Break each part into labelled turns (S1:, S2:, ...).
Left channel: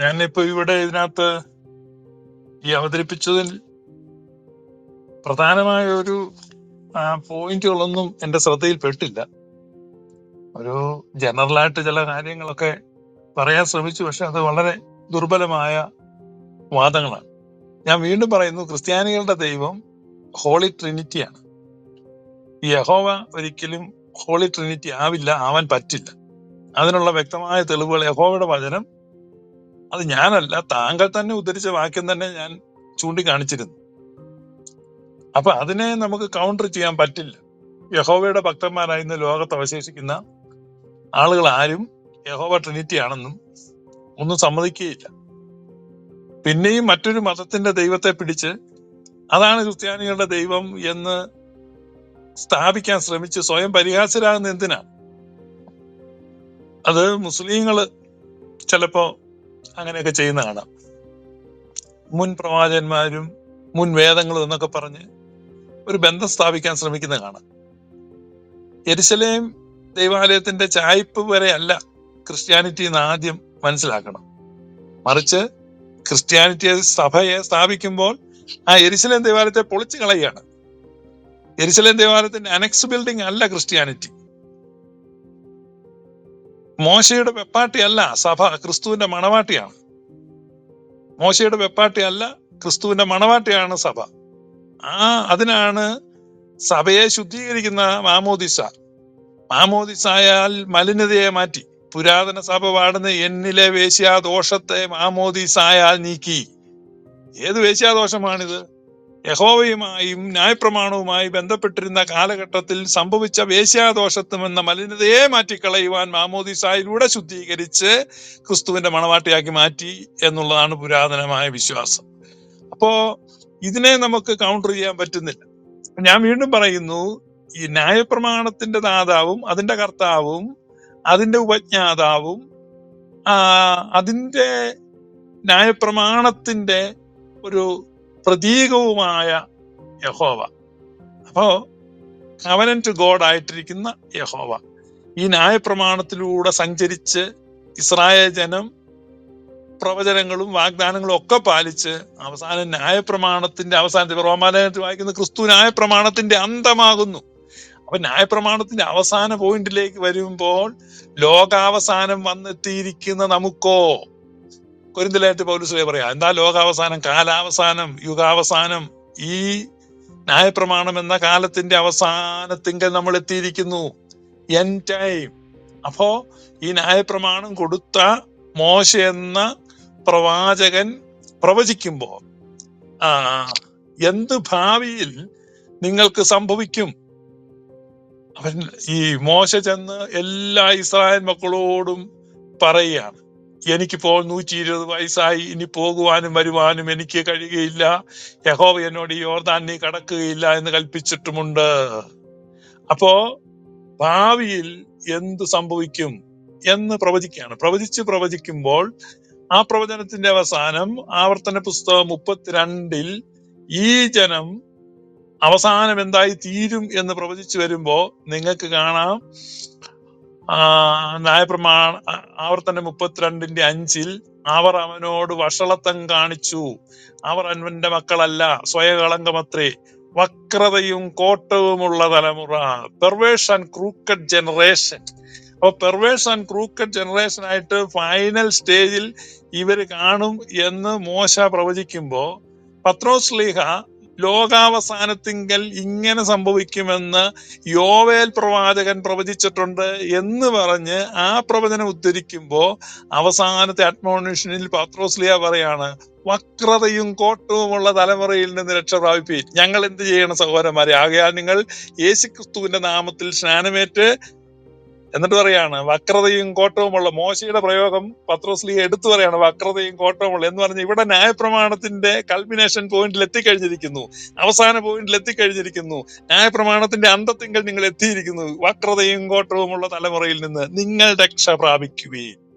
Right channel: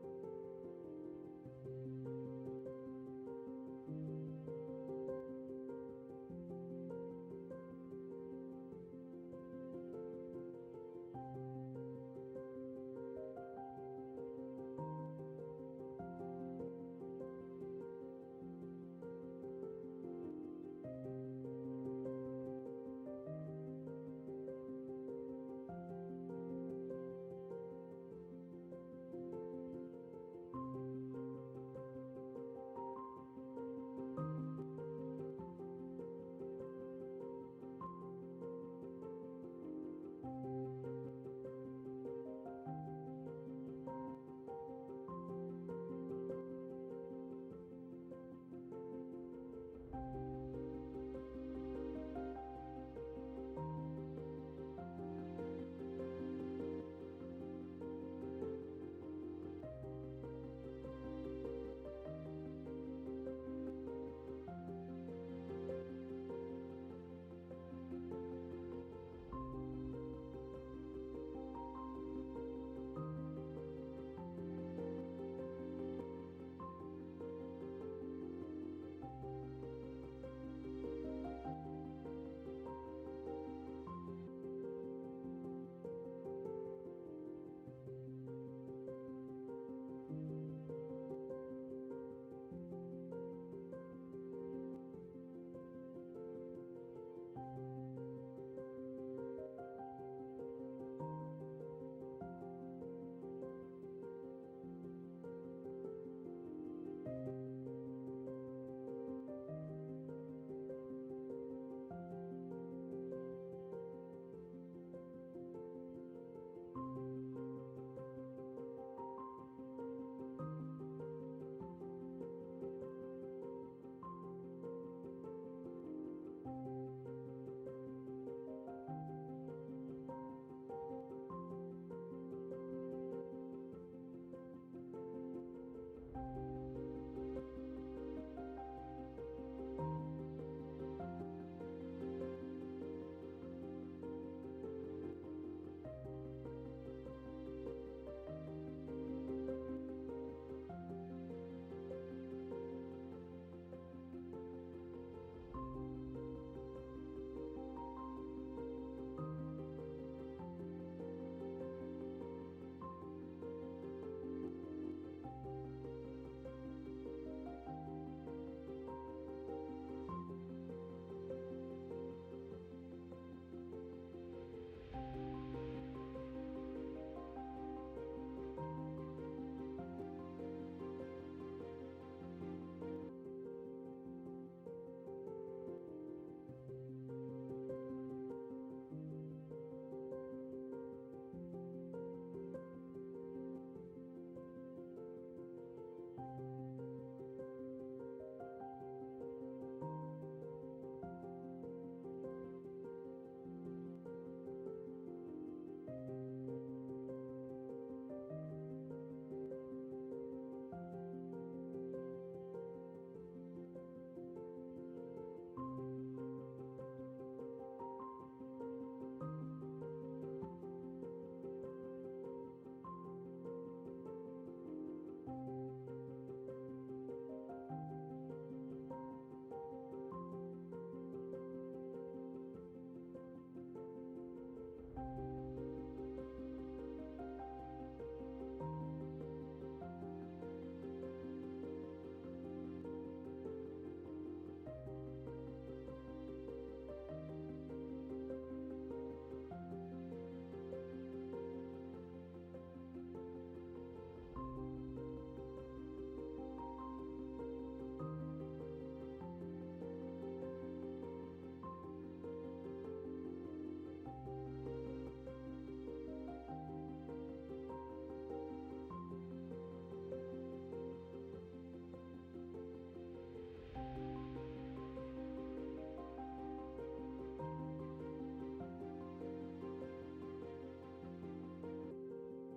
S1: ഞാനിപ്പോ ഇവിടെ ഇതിനകത്ത് ഈ അവതരിപ്പിച്ചതിൽ പ്രധാനമായ ഒരു പോയിന്റുകളൊന്നും എന്റെ ശ്രദ്ധയിൽപ്പെട്ടില്ല. ഒരു ജനറലായിട്ട് ചില കാര്യങ്ങളൊക്കെ പറയാൻ ശ്രമിച്ചു പക്ഷെ അത് വളരെ ദുർബലമായ വാദങ്ങളാണ്. ഞാൻ വീണ്ടും പറയുന്നു ക്രിസ്ത്യാനികളുടെ ദൈവം ഹോളി ട്രിനിറ്റിയാണ്. യഹോവ ഒരിക്കലും ഹോളി ട്രിനിറ്റി ആവില്ല ആവാൻ പറ്റില്ല. അതിനുള്ള വ്യക്തമായ തെളിവുകൾ യഹോവയുടെ വചനം അത് ഞാനല്ല താങ്കൾ തന്നെ ഉദ്ധരിച്ച വാക്യം തന്നെ ഞാൻ ചൂണ്ടിക്കാണിച്ചിരുന്നു. അപ്പൊ അതിനെ നമുക്ക് കൗണ്ടർ ചെയ്യാൻ പറ്റില്ല. യഹോവയുടെ ഭക്തന്മാരായി ഇന്ന് ലോകത്ത് അവശേഷിക്കുന്ന ആളുകൾ ആരും യഹോവ ട്രിനിറ്റി ആണെന്നും ഒന്നും സമ്മതിക്കുകയില്ല. പിന്നെയും മറ്റൊരു മതത്തിന്റെ ദൈവത്തെ പിടിച്ച് അതാണ് ക്രിസ്ത്യാനികളുടെ ദൈവം എന്ന് സ്ഥാപിക്കാൻ ശ്രമിച്ച് സ്വയം പരിഹാസരാകുന്ന എന്തിനാ? അത് മുസ്ലിങ്ങൾ ചിലപ്പോ അങ്ങനെയൊക്കെ ചെയ്യുന്ന കാണാം. മുൻ പ്രവാചകന്മാരും മുൻ വേദങ്ങളും എന്നൊക്കെ പറഞ്ഞ് ഒരു ബന്ധം സ്ഥാപിക്കാൻ ശ്രമിക്കുന്ന കാണാം. എരിശലേം ദൈവാലയത്തിന്റെ ചായ്പ് വരെ അല്ല ക്രിസ്ത്യാനിറ്റി എന്ന് ആദ്യം മനസ്സിലാക്കണം. മറിച്ച് ക്രിസ്ത്യാനിറ്റിയെ സഭയെ സ്ഥാപിക്കുമ്പോൾ ആ എരിശലേം ദേവാലയത്തെ പൊളിച്ചു കളയുകയാണ്. എരിശലേം ദേവാലയത്തിന്റെ അനക്സ് ബിൽഡിംഗ് അല്ല ക്രിസ്ത്യാനിറ്റി. മോശയുടെ വെപ്പാട്ടിയല്ല സഭ ക്രിസ്തുവിന്റെ മണവാട്ടിയാണ്. മോശയുടെ വെപ്പാട്ടിയല്ല ക്രിസ്തുവിന്റെ മണവാട്ടിയാണ് സഭ. ആ അതിനാണ് സഭയെ ശുദ്ധീകരിക്കുന്ന മാമോദിസ. മാമോദിസായാൽ മലിനതയെ മാറ്റി. പുരാതന സഭ പാടുന്ന എന്നിലെ വേശ്യാദോഷത്തെ മാമോദിസായാൽ നീക്കി. ഏത് വേശ്യാദോഷമാണിത്? യഹോവയുമായും ന്യായപ്രമാണവുമായി ബന്ധപ്പെട്ടിരുന്ന കാലഘട്ടത്തിൽ സംഭവിച്ച വേശ്യാദോഷത്വം എന്ന മലിനതയെ മാറ്റിക്കളയുവാൻ മാമോദിസായിലൂടെ ശുദ്ധീകരിച്ച് ക്രിസ്തുവിന്റെ മണവാട്ടിയാക്കി മാറ്റി എന്നുള്ളതാണ് പുരാതനമായ വിശ്വാസം. അപ്പോ ഇതിനെ നമുക്ക് കൗണ്ടർ ചെയ്യാൻ പറ്റുന്നില്ല. ഞാൻ വീണ്ടും പറയുന്നു ഈ ന്യായപ്രമാണത്തിന്റെ ദാതാവും അതിന്റെ കർത്താവും അതിന്റെ ഉപജ്ഞാതാവും അതിന്റെ ന്യായപ്രമാണത്തിന്റെ ഒരു പ്രതീകവുമായ യഹോവ. അപ്പോ കവനന്റ് ഗോഡ് ആയിട്ടിരിക്കുന്ന യഹോവ. ഈ ന്യായപ്രമാണത്തിലൂടെ സഞ്ചരിച്ച് ഇസ്രായേൽ ജനം പ്രവചനങ്ങളും വാഗ്ദാനങ്ങളും ഒക്കെ പാലിച്ച് അവസാനം ന്യായപ്രമാണത്തിന്റെ അവസാനത്തിൽ റോമാലയത്തിൽ വായിക്കുന്ന ക്രിസ്തു ന്യായപ്രമാണത്തിന്റെ അന്തമാകുന്നു. അപ്പൊ ന്യായപ്രമാണത്തിന്റെ അവസാന പോയിന്റിലേക്ക് വരുമ്പോൾ ലോകാവസാനം വന്നെത്തിയിരിക്കുന്ന നമുക്കോ? കൊരിന്തലായിട്ട് പൗലുസ്ലേ പറയാ. എന്താ ലോകാവസാനം? കാലാവസാനം യുഗാവസാനം? ഈ ന്യായപ്രമാണം എന്ന കാലത്തിന്റെ അവസാനത്തിങ്കൽ നമ്മൾ എത്തിയിരിക്കുന്നു. എൻ ടൈം അപ്പോ ഈ ന്യായപ്രമാണം കൊടുത്ത മോശ എന്ന പ്രവാചകൻ പ്രവചിക്കുമ്പോ ആ എന്ത് ഭാവിയിൽ നിങ്ങൾക്ക് സംഭവിക്കും? അവൻ ഈ മോശ ചെന്ന് എല്ലാ ഇസ്രായേൽ മക്കളോടും പറയുകയാണ്. എനിക്കിപ്പോൾ നൂറ്റി ഇരുപത് വയസ്സായി. ഇനി പോകുവാനും വരുവാനും എനിക്ക് കഴിയുകയില്ല. യഹോവ എന്നോട് നീ കടക്കുകയില്ല എന്ന് കൽപ്പിച്ചിട്ടുമുണ്ട്. അപ്പോ ഭാവിയിൽ എന്ത് സംഭവിക്കും എന്ന് പ്രവചിക്കുകയാണ്. പ്രവചിച്ച് പ്രവചിക്കുമ്പോൾ ആ പ്രവചനത്തിന്റെ അവസാനം ആവർത്തന പുസ്തകം മുപ്പത്തിരണ്ടിൽ ഈ ജനം അവസാനം എന്തായി തീരും എന്ന് പ്രവചിച്ചു വരുമ്പോ നിങ്ങൾക്ക് കാണാം. ന്യായപ്രമാണ ആവർത്തന മുപ്പത്തിരണ്ടിന്റെ അഞ്ചിൽ അവർ അവനോട് വഷളത്വം കാണിച്ചു. അവർ അവന്റെ മക്കളല്ല സ്വയകളങ്കമത്രേ. വക്രതയും കോട്ടവുമുള്ള തലമുറ. പെർവേഴ്സ് ആൻഡ് ക്രൂക്കഡ് ജനറേഷൻ അപ്പൊ പെർവേഴ്സ് ആൻഡ് ക്രൂക്കഡ് ജനറേഷൻ ആയിട്ട് ഫൈനൽ സ്റ്റേജിൽ ഇവർ കാണും എന്ന് മോശ പ്രവചിക്കുമ്പോ പത്രോസ് ലീഹ ലോകാവസാനത്തിങ്കൽ ഇങ്ങനെ സംഭവിക്കുമെന്ന് യോവേൽ പ്രവാചകൻ പ്രവചിച്ചിട്ടുണ്ട് എന്ന് പറഞ്ഞ് ആ പ്രവചനം ഉദ്ധരിക്കുമ്പോ അവസാനത്തെ അഡ്മോണിഷനിൽ പത്രോസ്ലിയ പറയാണ് വക്രതയും കോട്ടവുമുള്ള തലമുറയിൽ നിന്ന് രക്ഷ പ്രാപിപ്പീൻ. ഞങ്ങൾ എന്ത് ചെയ്യണം സഹോദരന്മാരെ? ആകയാൽ നിങ്ങൾ യേശുക്രിസ്തുവിന്റെ നാമത്തിൽ സ്നാനമേറ്റ് എന്നിട്ട് പറയാണ് വക്രതയും കോട്ടവുമുള്ള മോശയുടെ പ്രയോഗം പത്രോസ്ലി എടുത്തു പറയാണ് വക്രതയും കോട്ടവുമുള്ള എന്ന് പറഞ്ഞ് ഇവിടെ ന്യായപ്രമാണത്തിന്റെ കൾമിനേഷൻ പോയിന്റിൽ എത്തിക്കഴിഞ്ഞിരിക്കുന്നു. അവസാന പോയിന്റിൽ എത്തിക്കഴിഞ്ഞിരിക്കുന്നു. ന്യായപ്രമാണത്തിന്റെ അന്തത്തിങ്കൽ നിങ്ങൾ എത്തിയിരിക്കുന്നു. വക്രതയും കോട്ടവുമുള്ള തലമുറയിൽ നിന്ന് നിങ്ങൾ രക്ഷ പ്രാപിക്കുകയും.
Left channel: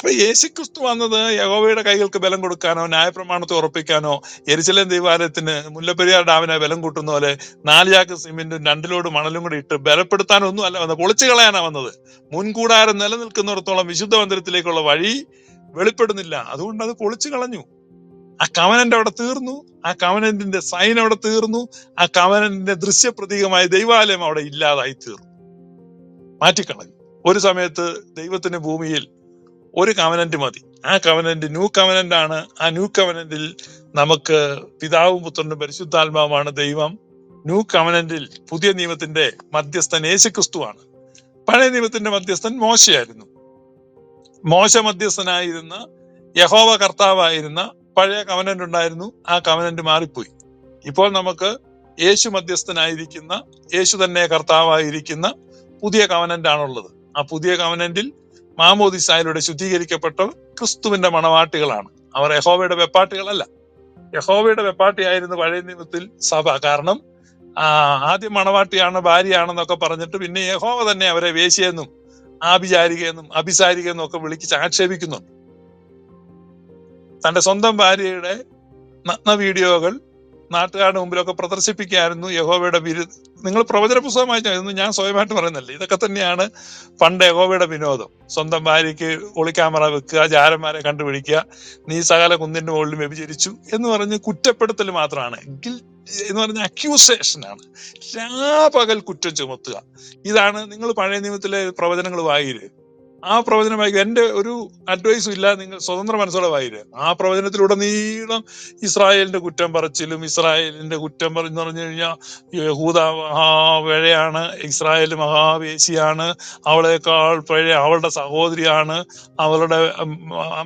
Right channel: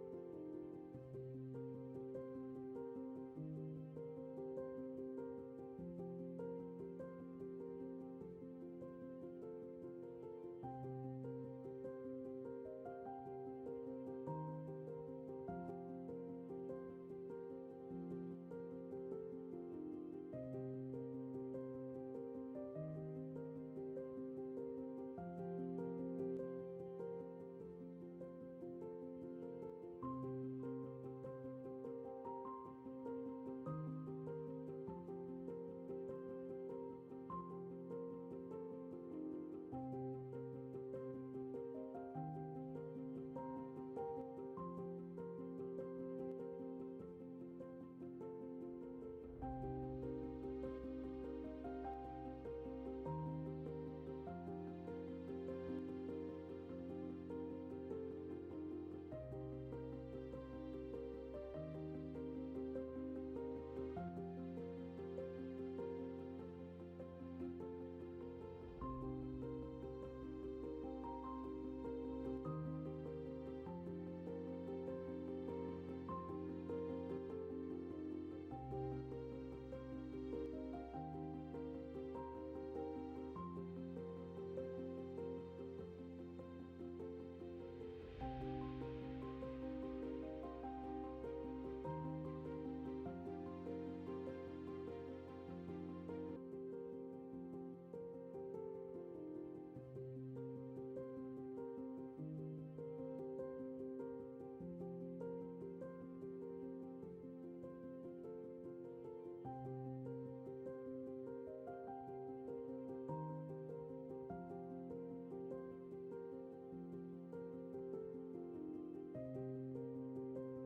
S1: അപ്പൊ യേശുക്രിസ്തു വന്നത് യഹോവയുടെ കൈകൾക്ക് ബലം കൊടുക്കാനോ ന്യായപ്രമാണത്തെ ഉറപ്പിക്കാനോ എരിശലേം ദൈവാലയത്തിന് മുല്ലപ്പെരിയാർ ഡാമിനെ ബലം കൂട്ടുന്ന പോലെ നാല് ചാക്ക് സിമെന്റും രണ്ടിലോട് മണലും കൂടി ഇട്ട് ബലപ്പെടുത്താനൊന്നും അല്ല വന്നത് പൊളിച്ചു കളയാനാ വന്നത്. മുൻകൂടാരം നിലനിൽക്കുന്നിടത്തോളം വിശുദ്ധ മന്ദിരത്തിലേക്കുള്ള വഴി വെളിപ്പെടുന്നില്ല. അതുകൊണ്ട് അത് പൊളിച്ചു കളഞ്ഞു. ആ കവനന്റ് അവിടെ തീർന്നു. ആ കവനന്റിന്റെ സൈൻ അവിടെ തീർന്നു. ആ കവനന്റിന്റെ ദൃശ്യപ്രതീകമായ ദൈവാലയം അവിടെ ഇല്ലാതായി തീർന്നു. മാറ്റിക്കളഞ്ഞു. ഒരു സമയത്ത് ദൈവത്തിന്റെ ഭൂമിയിൽ ഒരു കവനന്റ് മതി. ആ കവനന്റ് ന്യൂ കവനന്റ് ആണ്. ആ ന്യൂ കവനന്റിൽ നമുക്ക് പിതാവും പുത്രനും പരിശുദ്ധാത്മാവുമാണ് ദൈവം. ന്യൂ കവനന്റിൽ പുതിയ നിയമത്തിന്റെ മധ്യസ്ഥൻ യേശുക്രിസ്തുവാണ്. പഴയ നിയമത്തിന്റെ മധ്യസ്ഥൻ മോശയായിരുന്നു. മോശ മധ്യസ്ഥനായിരുന്ന യഹോവ കർത്താവായിരുന്ന പഴയ കവനന്റ് ഉണ്ടായിരുന്നു. ആ കവനന്റ് മാറിപ്പോയി. ഇപ്പോൾ നമുക്ക് യേശു മധ്യസ്ഥനായിരിക്കുന്ന യേശു തന്നെ കർത്താവായിരിക്കുന്ന പുതിയ കവനന്റ് ആണുള്ളത്. ആ പുതിയ കവനന്റിൽ മാമോദിസായിലൂടെ ശുദ്ധീകരിക്കപ്പെട്ട ക്രിസ്തുവിന്റെ മണവാട്ടികളാണ്. അവർ യഹോവയുടെ വെപ്പാട്ടികളല്ല. യഹോവയുടെ വെപ്പാട്ടിയായിരുന്നു പഴയ നിയമത്തിൽ സഭ. കാരണം ആദ്യം മണവാട്ടിയാണ് ഭാര്യയാണെന്നൊക്കെ പറഞ്ഞിട്ട് പിന്നെ യഹോവ തന്നെ അവരെ വേശിയെന്നും ആഭിചാരികയെന്നും അഭിസാരികയെന്നും ഒക്കെ വിളിച്ച് ആക്ഷേപിക്കുന്നുണ്ട്. തന്റെ സ്വന്തം ഭാര്യയുടെ നഗ്ന വീഡിയോകൾ നാട്ടുകാരുടെ മുമ്പിലൊക്കെ പ്രദർശിപ്പിക്കായിരുന്നു യഹോവയുടെ വിരു നിങ്ങൾ പ്രവചന പുസ്തകം വായിച്ചായിരുന്നു ഞാൻ സ്വയമായിട്ട് പറയുന്നില്ല. ഇതൊക്കെ തന്നെയാണ് പണ്ട് യഹോവയുടെ വിനോദം. സ്വന്തം ഭാര്യയ്ക്ക് ഒളിക്യാമറ വെക്കുക ജാരന്മാരെ കണ്ടുപിടിക്കുക നീ സകല കുന്നിന്റെ മുകളിൽ വ്യഭിചരിച്ചു എന്ന് പറഞ്ഞ് കുറ്റപ്പെടുത്തൽ മാത്രമാണ്. എന്ന് പറഞ്ഞ അക്യൂസേഷൻ ആണ്. രാപകൽ കുറ്റം ചുമത്തുക. ഇതാണ് നിങ്ങൾ പഴയ നിയമത്തിലെ പ്രവചനങ്ങൾ വായിര് ആ പ്രവചനം വായിക്കുക എന്റെ ഒരു അഡ്വൈസും ഇല്ല നിങ്ങൾ സ്വതന്ത്ര മനസ്സോടെ വായിക്കുക ആ പ്രവചനത്തിലൂടെ നീളം ഇസ്രായേലിന്റെ കുറ്റം പറച്ചിലും ഇസ്രായേലിന്റെ കുറ്റം പറഞ്ഞു പറഞ്ഞു കഴിഞ്ഞാൽ യഹൂദ മഹാപഴയാണ് ഇസ്രായേൽ മഹാവേശിയാണ് അവളേക്കാൾ പഴയ അവളുടെ സഹോദരിയാണ് അവളുടെ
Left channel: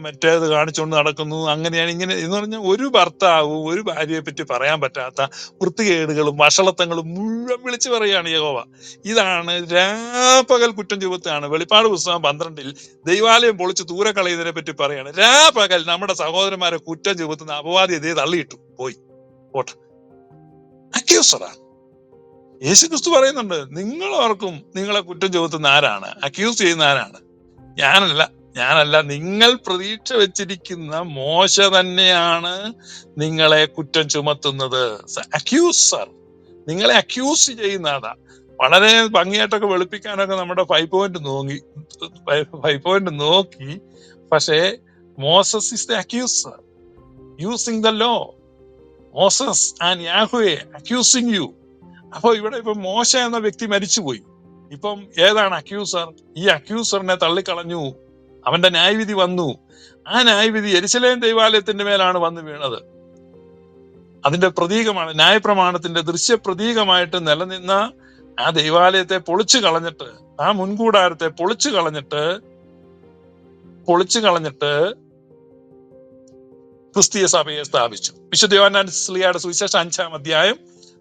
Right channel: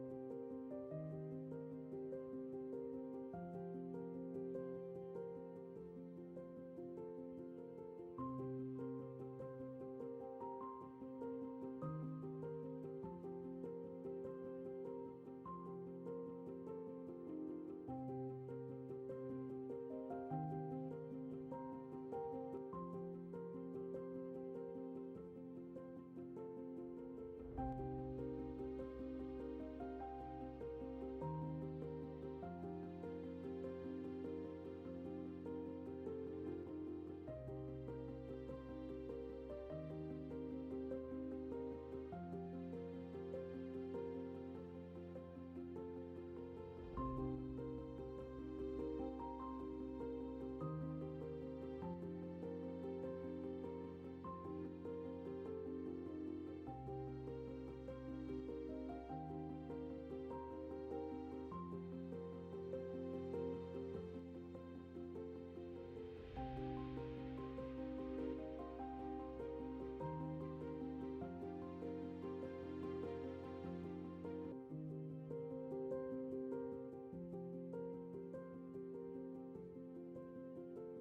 S1: മറ്റേത് കാണിച്ചുകൊണ്ട് നടക്കുന്നു അങ്ങനെയാണ് ഇങ്ങനെ എന്ന് പറഞ്ഞാൽ ഒരു ഭർത്താവും ഒരു ഭാര്യയെ പറ്റി പറയാൻ പറ്റാത്ത വൃത്തികേടുകളും വഷളത്തങ്ങളും മുഴുവൻ വിളിച്ചു പറയുകയാണ് യഹോവ. ഇതാണ് രാപ്പകൽ കുറ്റം ചുമത്താണ് വെളിപ്പാട് പുസ്തകം പന്ത്രണ്ടിൽ ദൈവാലയം പൊളിച്ച് ദൂരെ കളയുന്നതിനെ പറ്റി പറയാണ്. രാപകൽ നമ്മുടെ സഹോദരന്മാരെ കുറ്റം ചുമത്തുന്ന അപവാദി ഇതേ തള്ളിയിട്ടു. പോയി. യേശു ക്രിസ്തു പറയുന്നുണ്ട് നിങ്ങൾ ഓർക്കും നിങ്ങളെ കുറ്റം ചുമത്തുന്ന ആരാണ്? അക്യൂസ് ചെയ്യുന്ന ആരാണ്? ഞാനല്ല. ഞാനല്ല. നിങ്ങൾ പ്രതീക്ഷ വെച്ചിരിക്കുന്ന മോശ തന്നെയാണ് നിങ്ങളെ കുറ്റം ചുമത്തുന്നത്. അക്യൂസർ. നിങ്ങളെ അക്യൂസ് ചെയ്യുന്ന ആളാ. വളരെ ഭംഗിയായിട്ടൊക്കെ വെളുപ്പിക്കാനൊക്കെ നമ്മുടെ ഫൈവ് പോയിന്റ് നോക്കി ഫൈവ് പോയിന്റ് നോക്കി. പക്ഷേ Moses is the accuser using the law Moses and യാഹുയെ accusing you അപ്പൊ ഇവിടെ ഇപ്പൊ മോശ എന്ന വ്യക്തി മരിച്ചുപോയി. ഇപ്പം ഏതാണ് അക്യൂസർ ഈ അക്യൂസറിനെ തള്ളിക്കളഞ്ഞു. അവന്റെ ന്യായവിധി വന്നു. ആ ന്യായവിധി എരിശലേം ദൈവാലയത്തിന്റെ മേലാണ് വന്നു വീണത്. അതിന്റെ പ്രതീകമാണ് ന്യായപ്രമാണത്തിന്റെ ദൃശ്യ പ്രതീകമായിട്ട് നിലനിന്ന ആ ദൈവാലയത്തെ പൊളിച്ചു കളഞ്ഞിട്ട് ആ മുൻകൂടാരത്തെ പൊളിച്ചു കളഞ്ഞിട്ട് പൊളിച്ചു കളഞ്ഞിട്ട് ക്രിസ്തീയ സഭയെ സ്ഥാപിച്ചു. വിശുദ്ധ യോഹന്നാൻ സ്ലിയുടെ സുവിശേഷം അഞ്ചാം അധ്യായം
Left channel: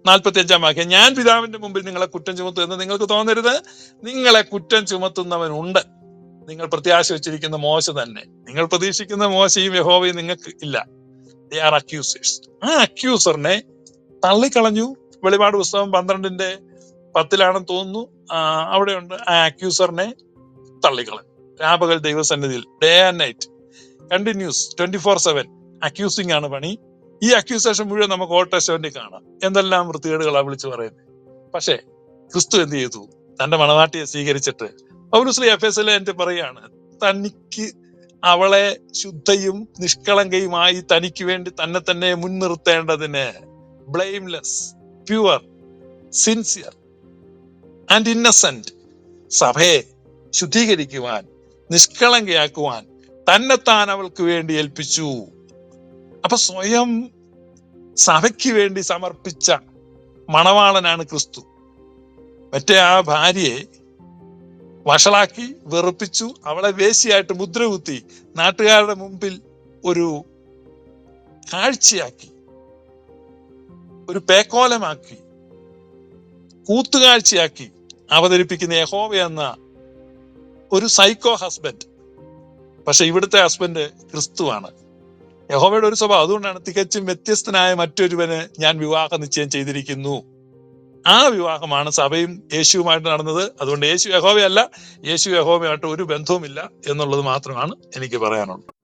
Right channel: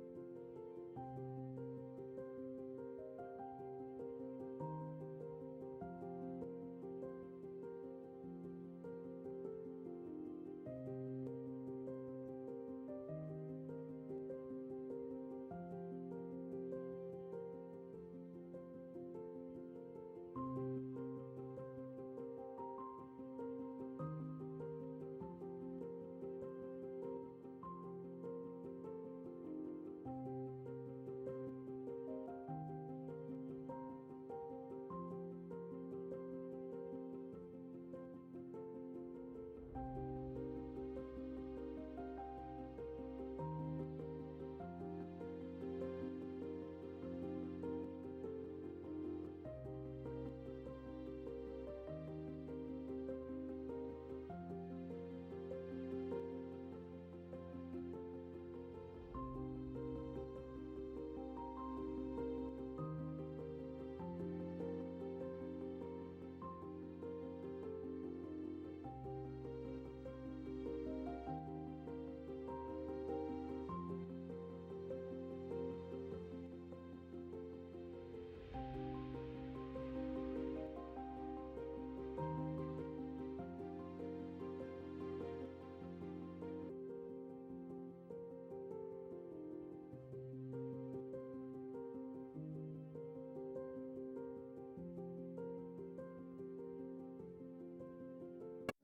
S1: നാൽപ്പത്തി അഞ്ചാം വാക്യം ഞാൻ പിതാവിന്റെ മുമ്പിൽ നിങ്ങളെ കുറ്റം ചുമത്തും എന്ന് നിങ്ങൾക്ക് തോന്നരുത്. നിങ്ങളെ കുറ്റം ചുമത്തുന്നവനുണ്ട്. നിങ്ങൾ പ്രത്യാശ വെച്ചിരിക്കുന്ന മോശ തന്നെ. നിങ്ങൾ പ്രതീക്ഷിക്കുന്ന മോശയും യഹോവയും നിങ്ങൾക്ക് ഇല്ല. ദേ ആർ അക്യൂസേഴ്സ് ആ അക്യൂസറിനെ തള്ളിക്കളഞ്ഞു. വെളിപാട് പുസ്തകം പന്ത്രണ്ടിന്റെ പത്തിലാണെന്ന് തോന്നുന്നു. അവിടെ അവിടെയുണ്ട്. ആ അക്യൂസറിനെ തള്ളിക്കളഞ്ഞു. രാപകൽ ദൈവസന്നിധിയിൽ day and night continuous twenty four seven accusing ആണ് പണി. ഈ അക്യൂസേഷൻ മുഴുവൻ നമുക്ക് ഓൾഡ് ടെസ്റ്റമെന്റിൽ കാണാം. എന്തെല്ലാം വൃത്തികേടുകളാ വിളിച്ചു പറയുന്നത് പക്ഷേ ക്രിസ്തു എന്ത് ചെയ്തു? തന്റെ മണവാട്ടിയെ സ്വീകരിച്ചിട്ട് പൗലുസ്ലി എഫ് എസ് എന്റെ പറയാണ് തനിക്ക് അവളെ ശുദ്ധയും നിഷ്കളങ്കയുമായി തനിക്ക് വേണ്ടി തന്നെ തന്നെ മുൻനിർത്തേണ്ടതിന് blameless pure sincere and innocent സഭയെ ശുദ്ധീകരിക്കുവാൻ നിഷ്കളങ്കയാക്കുവാൻ തന്നെത്താൻ അവൾക്ക് വേണ്ടി ഏൽപ്പിച്ചു. അപ്പൊ സ്വയം സഭയ്ക്ക് വേണ്ടി സമർപ്പിച്ച മണവാളനാണ് ക്രിസ്തു. മറ്റേ ആ ഭാര്യയെ വഷളാക്കി വെറുപ്പിച്ചു അവളെ വേശിയായിട്ട് മുദ്രകുത്തി നാട്ടുകാരുടെ മുമ്പിൽ ഒരു കാഴ്ചയാക്കി ഒരു പേക്കോലമാക്കി കൂത്തുകാഴ്ചയാക്കി അവതരിപ്പിക്കുന്ന യഹോവ എന്ന ഒരു സൈക്കോ ഹസ്ബൻഡ് പക്ഷെ ഇവിടുത്തെ ഹസ്ബൻഡ് ക്രിസ്തുവാണ്. യഹോവയുടെ ഒരു സ്വഭാവം. അതുകൊണ്ടാണ് തികച്ചും വ്യത്യസ്തനായ മറ്റൊരുവന് ഞാൻ വിവാഹ നിശ്ചയം ചെയ്തിരിക്കുന്നു. ആ വിവാഹമാണ് സഭയും യേശുവുമായിട്ട് നടന്നത്. അതുകൊണ്ട് യേശു യഹോവയല്ല യേശു യഹോവയായിട്ട് ഒരു ബന്ധവുമില്ല എന്നുള്ളത് മാത്രമാണ് എനിക്ക് പറയാനുള്ളത്.